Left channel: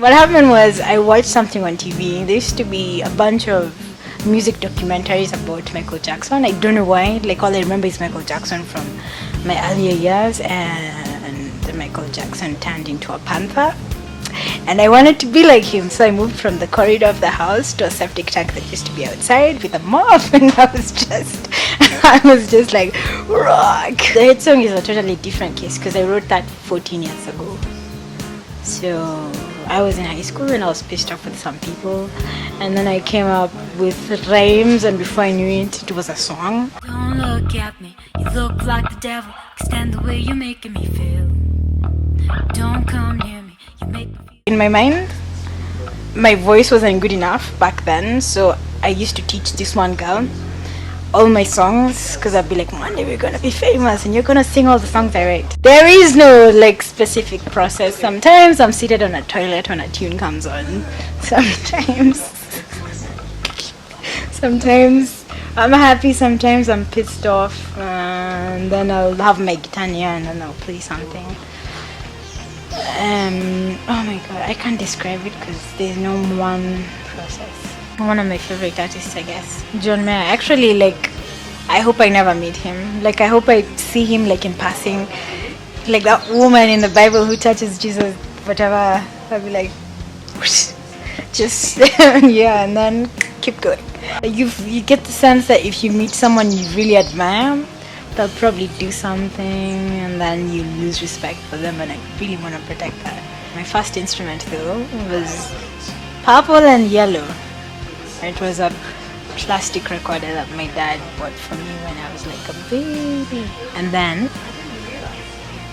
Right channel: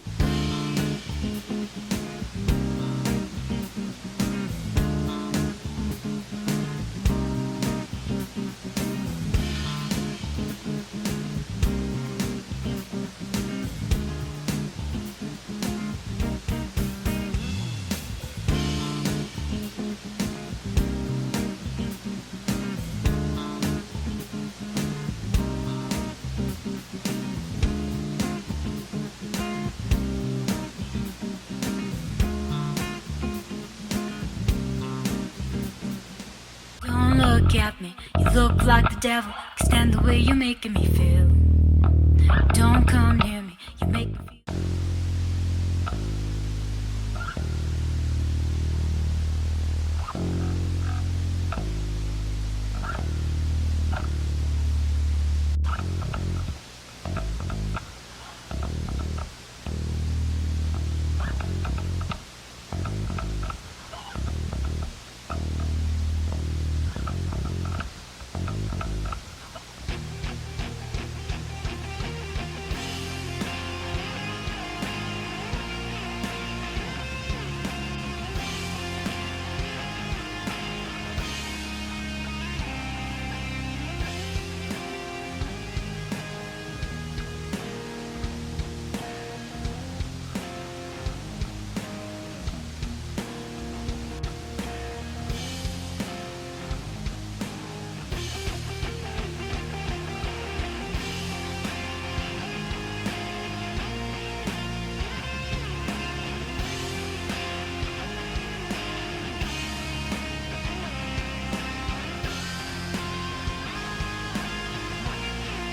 What happened was I watched something on TV. There used to be a bunch of music documentaries about Michael Jackson. I don't know why. Like, all I remember is Michael Jackson from my earlier years, and Michael Jackson turned into a panther. And I wanted to be like him, so I moved from the corridor of the house to a septic tank that used to be outside with a mop, and I was just like, rock. The hit song is a totally different case because I wrote that 14 years ago. So I was in high school and I was pissed off with some people, and then I came up with rhymes, and before I knew it, it was a song. Don't look at me, you look like the devil. Extend the way you're making me feel. Don't come near me, you make me feel. In my mind, my voice wasn't good enough back then, so I used to teach this one girl all my songs, because I'd be like, one day we're gonna be famous and you're gonna sing all the songs I write. There is no like specific process. Sometimes I'm seated on a toilet when a tune comes on. Sometimes I'm happy, sometimes I'm pissed off, and then I'll have my guitar near and then I'll play something. Oh my god, I can't describe it because there's no one process. One of my favorite artists, I guess, John Mayer. Actually, like, I hope I never meet him. Like, I hope I see him like in passing, like that woman in the Bible who touches Jesus, whatever. I'll be like, whoosh, just yeah, and then keep going. You get the sense that if you meet someone you really admire, they'll probably do something, and then you lose respect for them, and I really want to protect that. My first instrument though was purple and yellow. It was a plastic recorder that my dad bought for me when I was like a baby. And then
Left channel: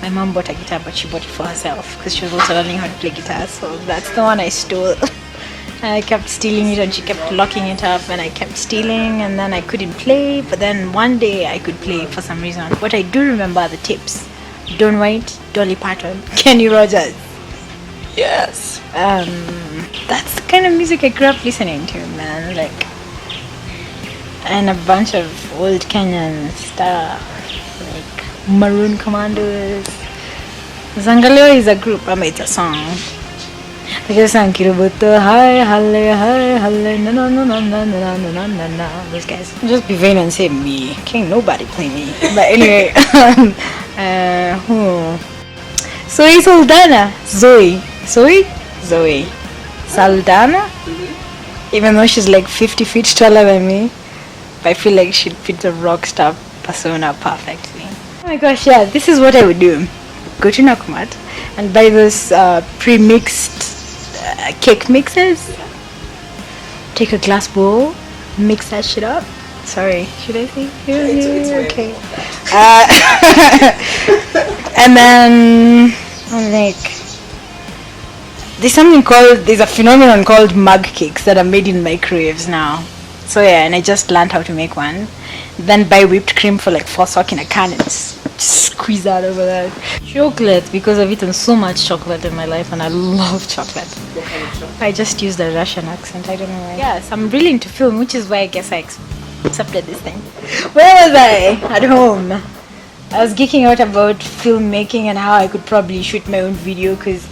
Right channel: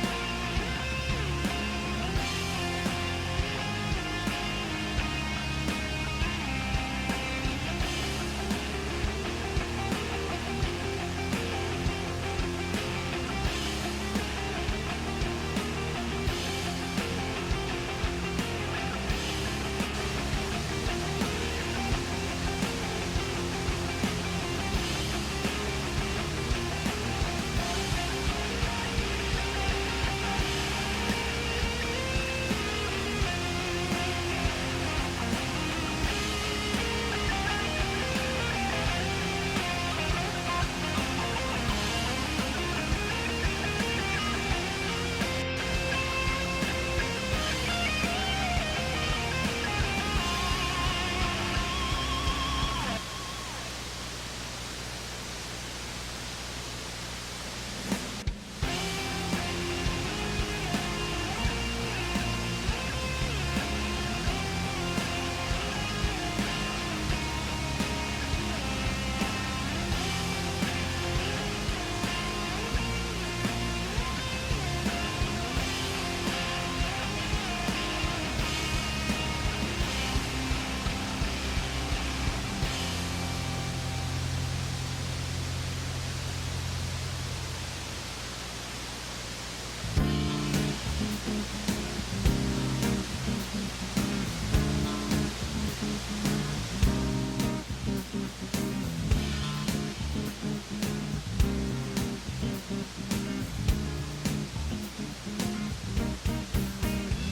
my mom bought a guitar, but she bought it for herself because she was also learning how to play guitar, so that's the one I stole. And I kept stealing it, and she kept locking it up, and I kept stealing, and then I couldn't play. But then one day I could play for some reason. What I do remember are the tips: Don White, Dolly Parton, Kenny Rogers. Yes. That's the kind of music I grew up listening to, man. Like, and a bunch of old Kenyan stuff, like Maroon Commandos. Zangaleo is a group, it's a song. They just sang Kirubuto, hi, halle, hi, halle, no, no, no, no, no, no, no, no, no, no. These guys just be vain and say me. Can't nobody play me. But anyway, Zoe Saldana, Zoe Saldana. Even though she's like 50 feet taller than me, I feel like she'd fit the rock star persona perfectly. Oh my gosh, yeah, this is what I would do. Go to Nakumat and buy those pre-mixed cake mixes. Take a glass bowl, mix that shit up. Sorry, should I say? It's okay. And then like, there's a phenomenon called mug cakes that are made in microwaves now. So yeah, and I just learned how to make one. Then buy whipped cream for like $4 in a can and just squeeze out over that. Chocolate, because I've eaten so much chocolate in my life and I love chocolate. I just used a Russian accent, I don't know why. Yes, I'm really into film, which is why I guess I accepted this thing. Where was I? At home. I was geeking out about filmmaking and how I could probably shoot my own video, because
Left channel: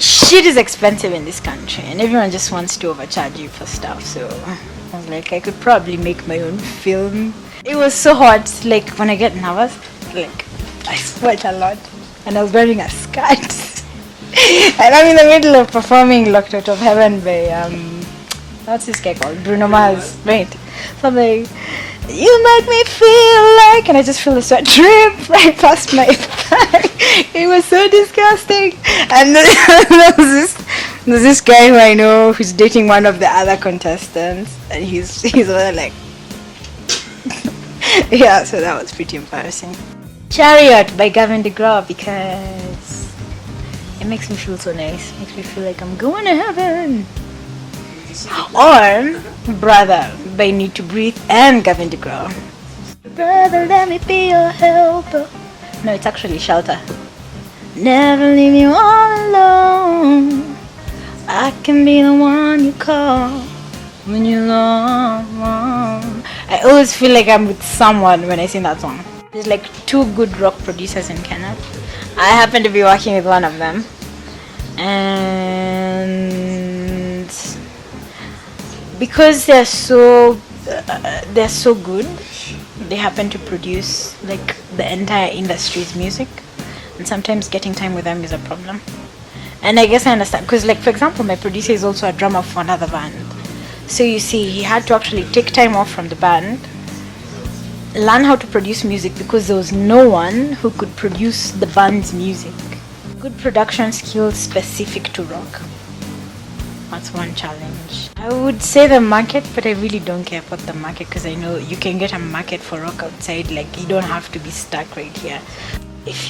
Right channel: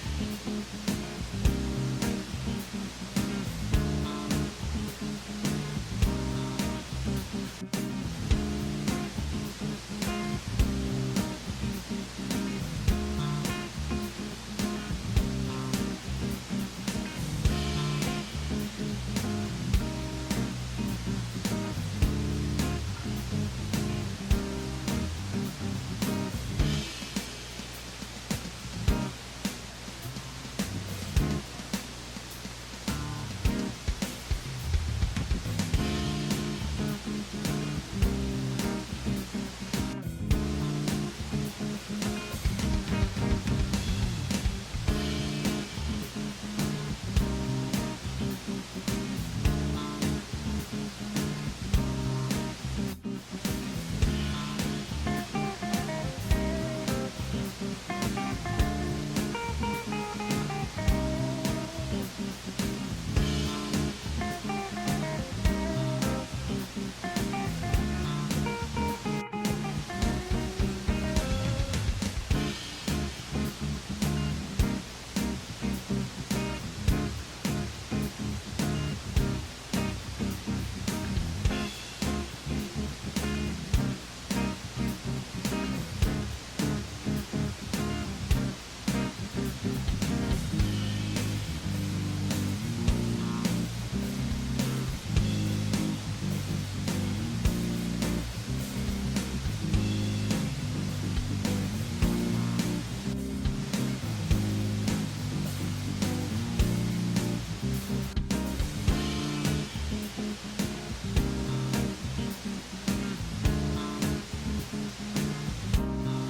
shit is expensive in this country and everyone just wants to overcharge you for stuff. So I was like, I could probably make my own film. It was so hot, like when I get nervous, like I sweat a lot, and I was wearing a skirt. And I'm in the middle of performing Locked Out of Heaven by what's this guy called? Bruno Mars, right? So I'm like, you make me feel like, and I just feel the sweat drip right past my back. It was so disgusting. And there's this guy who I know who's dating one of the other contestants, and he's like, yeah, so that was pretty embarrassing. Chariot by Gavin DeGraw, because it makes me feel so nice. Makes me feel like I'm going to heaven. Or Brother by Need to Breathe and Gavin DeGraw. Brother, let me be your helper. No, it's actually Shelter. Never leave you all alone. I can be the one you call when you're alone. I always feel like I'm with someone when I sing that song. There's like 2 good rock producers in Kenya. I happen to be working with one of them. and because they're so good, they happen to produce like the entire industry's music, and sometimes getting time with them is a problem. And I guess I understand, because like for example, my producer is also a drummer for another band, so you see he had to actually take time off from the band, learn how to produce music, because there was no one who could produce the band's music. Good production skills specific to rock. That's one challenge. I would say the market, but I really don't care about the market, because I know you can get a market for rock outside. Like, you don't have to be stuck right here. If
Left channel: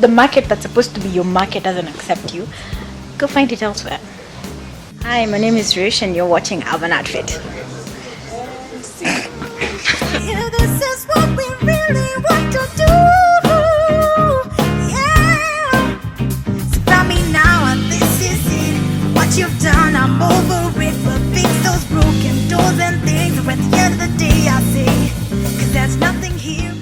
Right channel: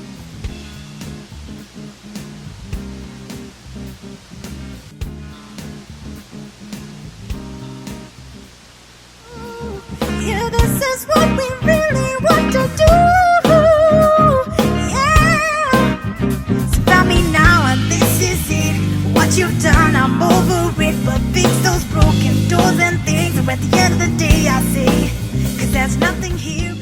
the market that's supposed to be your market doesn't accept you, go find it elsewhere. Hi, my name is Rish and you're watching Urban Artfit. Yeah, this is what we really want to do. Yeah. Surround me now and this is it. What you've done, I'm over it. But fix those broken doors and things. Or at the end of the day, I say, 'cause there's nothing here.